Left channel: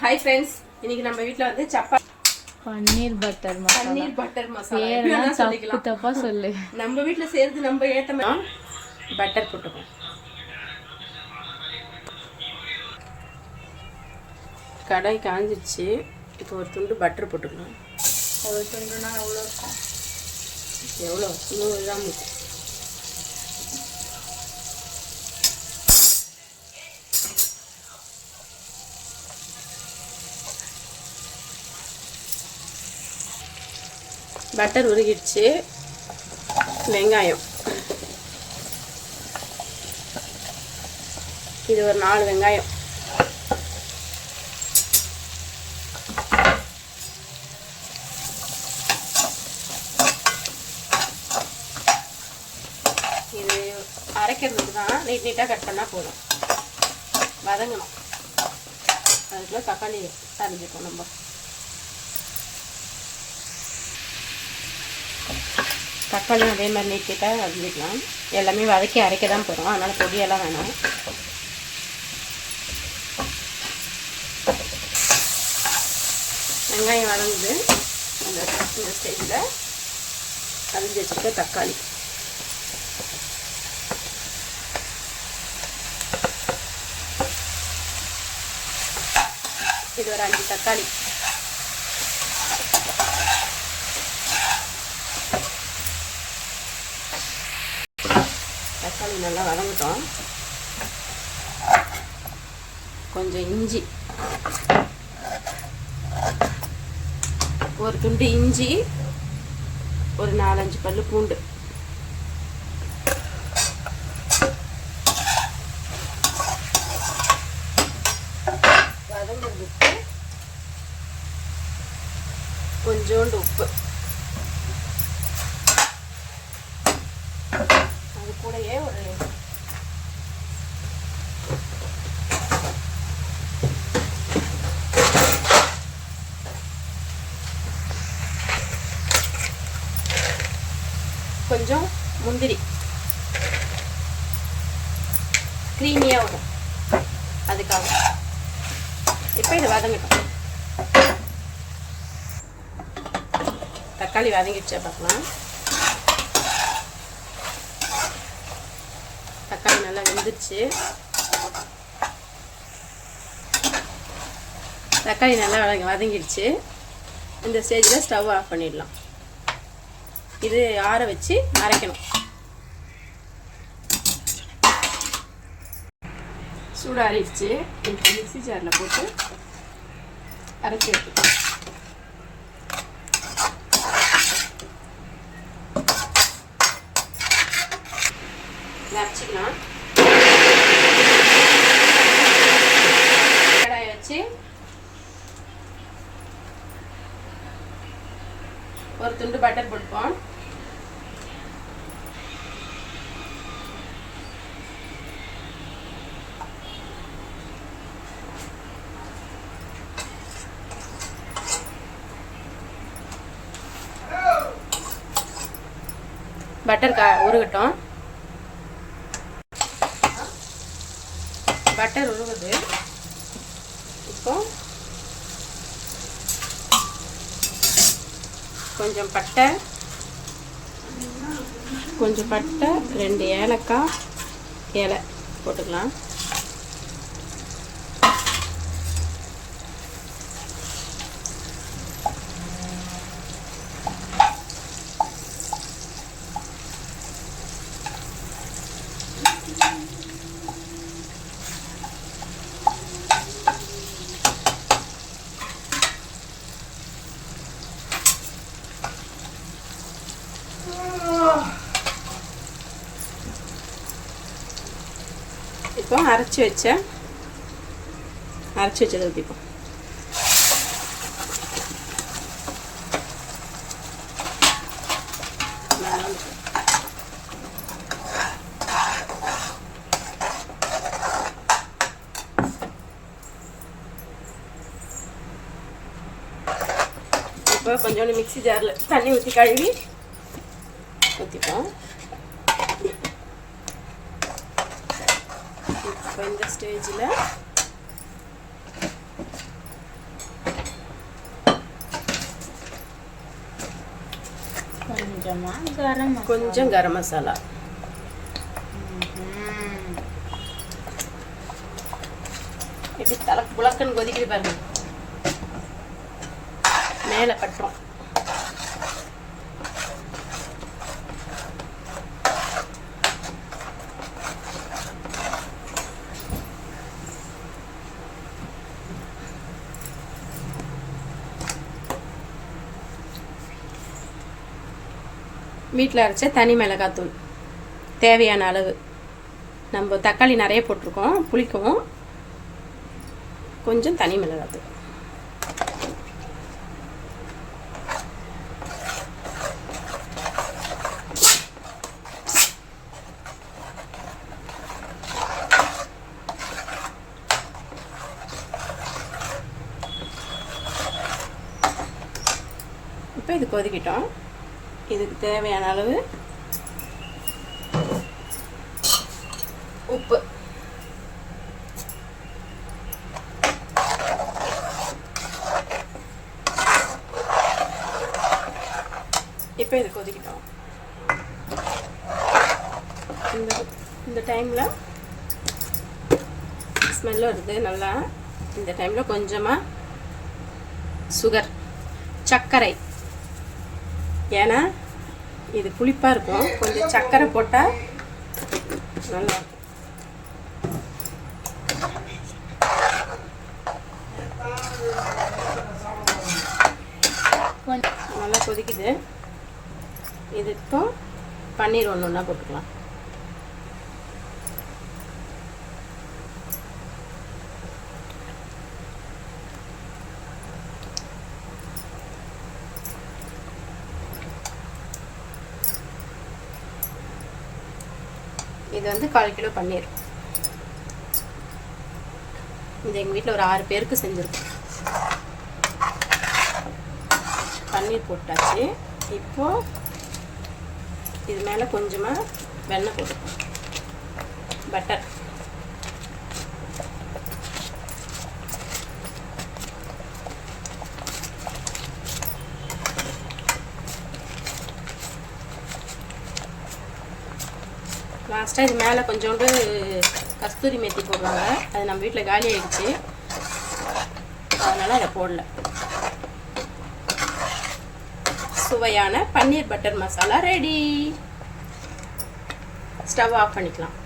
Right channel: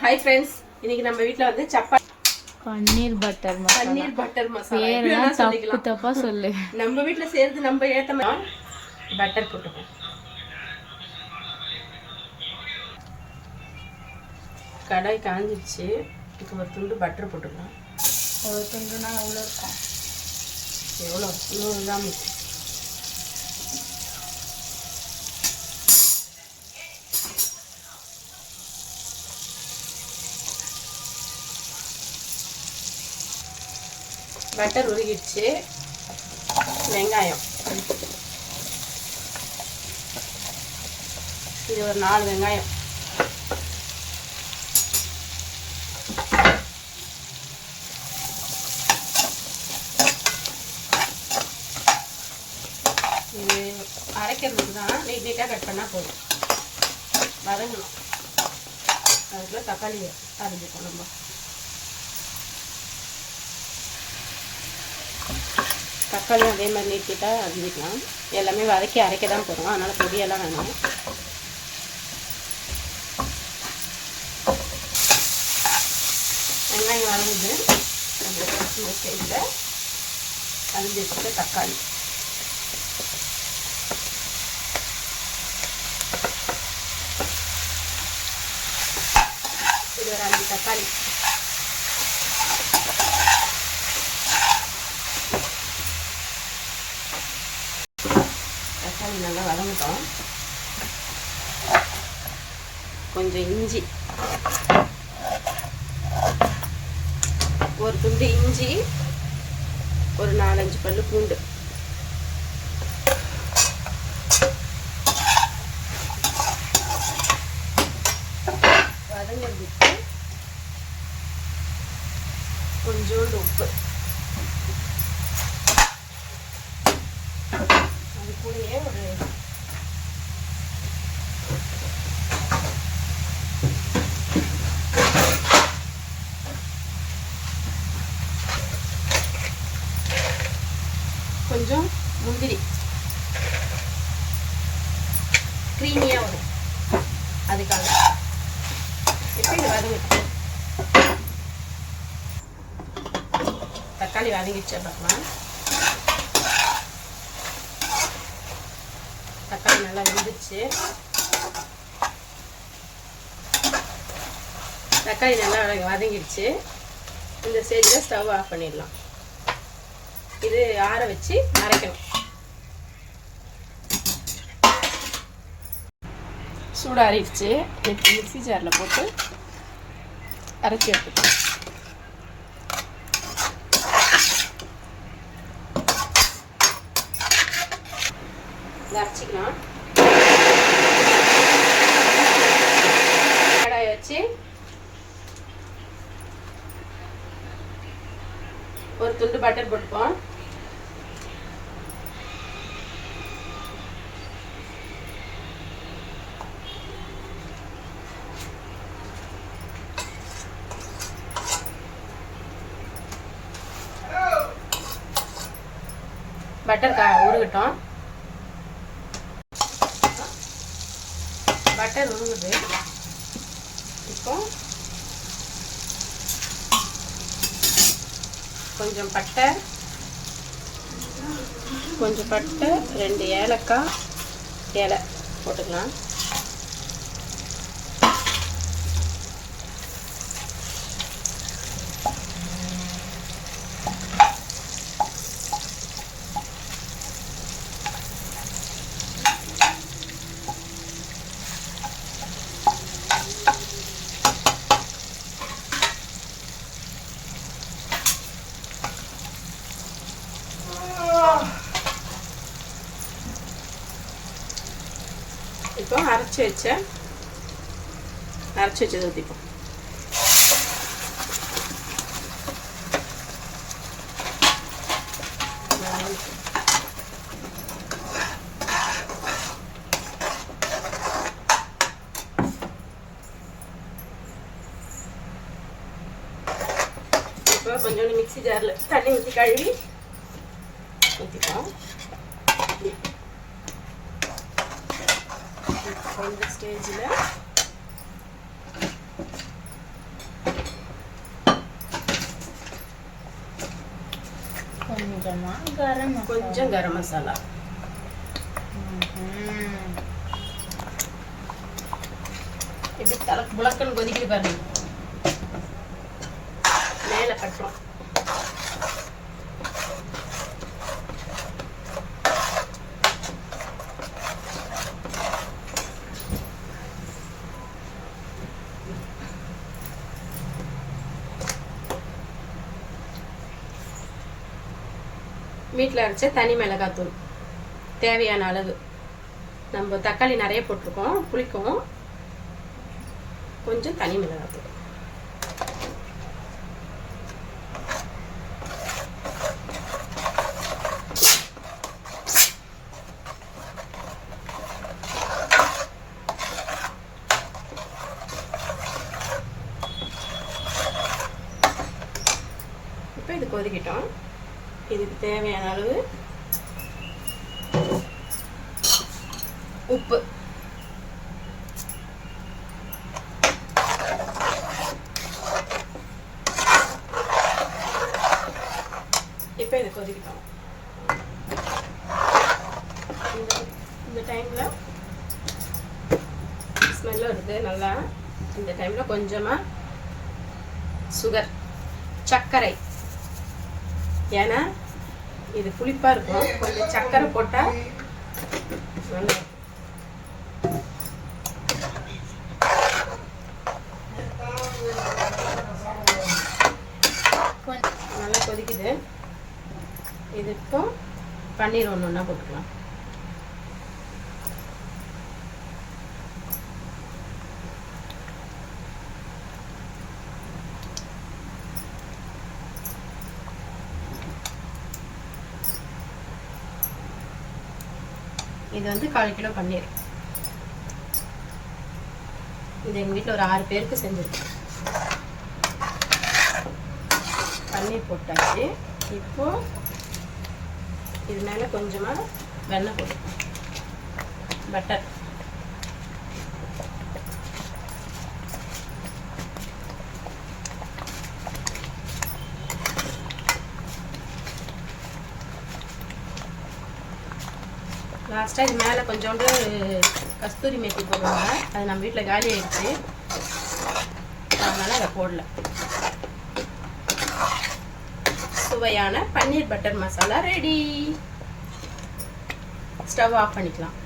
Hi friends இன்னைக்கு நம்ம வீட்ல வந்து சப்பாத்தி பன்னீர் பட்டர் மசாலா. பன்னீர் பட்டர் மசாலா. பேரெல்லாம் தப்பு சொல்லு. நம்ம வீட்ல செய்யறது நம்ம ஏத்த பட்டர் போட்டுப்போம் கடாய் காஞ்சிடுச்சு இப்போ ஒரு துண்டு பட்டர் போட்டுக்கலாம். ஒரு துண்டுனா எவ்வளோ இருக்கும்? எவ்வளோ நூறு கிராம் இருக்கும். பட்டர் உருகிடுச்சு. வெங்காயம். இது ஒரு நாலு வெங்காயம். இது அரைக்கிறதுக்கு தான் நீட் நீட்டாக கட் பண்ணால் போதும். வதங்கணும். அதுக்குள்ளே தக்காளி அரைஞ்சிக்கணும் நம்ம. தக்காளியும் அதே மாதிரி நீக்கிட்டால் நீட்டாக எல்லாமே வதக்கி அரைக்க தான் போகிறோம் அதனால் பொடியெல்லாம் வேணாம். வெங்காயம் வளர்ந்து அந்த இந்த ஸ்டேஜில் அரிஞ்சு வச்சுக்க தக்காளி. இது ஒரு அஞ்சு தக்காளி நல்லா வதங்கட்டும் கொஞ்சம் இஞ்சி. ஒரு துண்டு இஞ்சி ஒரு நாலஞ்சு பல்லு பூண்டு. வதங்கிறதுக்கு கொஞ்சோண்டு உப்பு அது கூடயே ஒரு கொஞ்சம் முந்திரி க்ரீமியாக வரும் அதுக்காக இப்போ இது வதங்கிட்டோம் தக்காளி வதங்கிடுச்சா பார்க்கலாம். தக்காளி நல்லா வெந்துருச்சு தக்காளி நல்லா வதங்கி- வதங்கிடுச்சு. இந்த ஸ்டேஜில் ஸ்டவ் ஆஃப் பண்ணிடலாம். இது ஆற வச்சு அரைக்கணும். சூடாறிடுச்சு இப்போ மிக்ஸி ஜாரில் போட்டு அரைச்சி எடுத்துக்கலாம். அரைச்சிக்கலாம். கடாயை வச்சு ஒரு துண்டு பட்டர் போட்டுப்போம். பட்டர் கா உருகட்டும். பட்டர் உருகுது. இப்போ கொஞ்சம் பட்டை கொஞ்சம் பட்டை ரெண்டு ஏலக்காய் இலை போட்டுக்கலாம் இப்போ அரைச்சி வச்ச அரைச்சி வச்சதை ஊற்றிப்போம் இப்போ கொஞ்சோண்டு மிக்ஸி ஜாரில் தண்ணி ஊற்றி கழுவி ஊற்றிப்போம் இந்த ஸ்டேஜில் கொஞ்சமாக கரம் கொஞ்சம் கரம் மசாலா. இப்படி தலை புலக்கன் கொதிக்கிட்டு பாருங்க. மேலே கட்டணும் வீட்டில் அரைச்ச தனி மிளகாத்தூள். தேவையான அளவு. நம்ம தக்காளி நிறைய போட்டிருக்கோம் புளிக்கும் கொஞ்சம் தனி மிளகாத்தூள். இப்போ இது கொதிக்கிட்டோம். இதுக்கு தேவையான அளவு உப்பு. இப்போ இது கொதிக்கிட்டோம். இந்த இந்த டைமில் ஸ்மெல்லும் வருது நல்லா. இந்த டைமில் கொஞ்சமாக சுகர் சர்க்கரை. ஏன்னா இது புளிப்பாக இருக்கும். கொஞ்சம் சர்க்கரை போட்டால் நல்லா நல்லா கொதிக்குது. இதுக்கும் பன்னீர் ஒன்று ஒன்றா போட்டுக்கலாம். இது வந்து கால் கிலோ பன்னீர். இது எங்கள் வீட்டில் ஒரு ஆறு பேருக்கு செஞ்சுருக்கோம். பன்னீர் போட்டாச்சு. இப்போ இது மேலே கொஞ்சமாக வெண்ணெய் போடுவோம் பட்டர். லாஸ்ட்டாக இது மேலே கொஞ்சோண்டு கஸ்தூரி மேத்தி போடுவாங்க அது நம்ம வீட்டில் காலி ஆகிடுச்சு அதனால் அதை போடல. சுவையான paneer butter masala ready stove off பண்ணிக்கலாம்.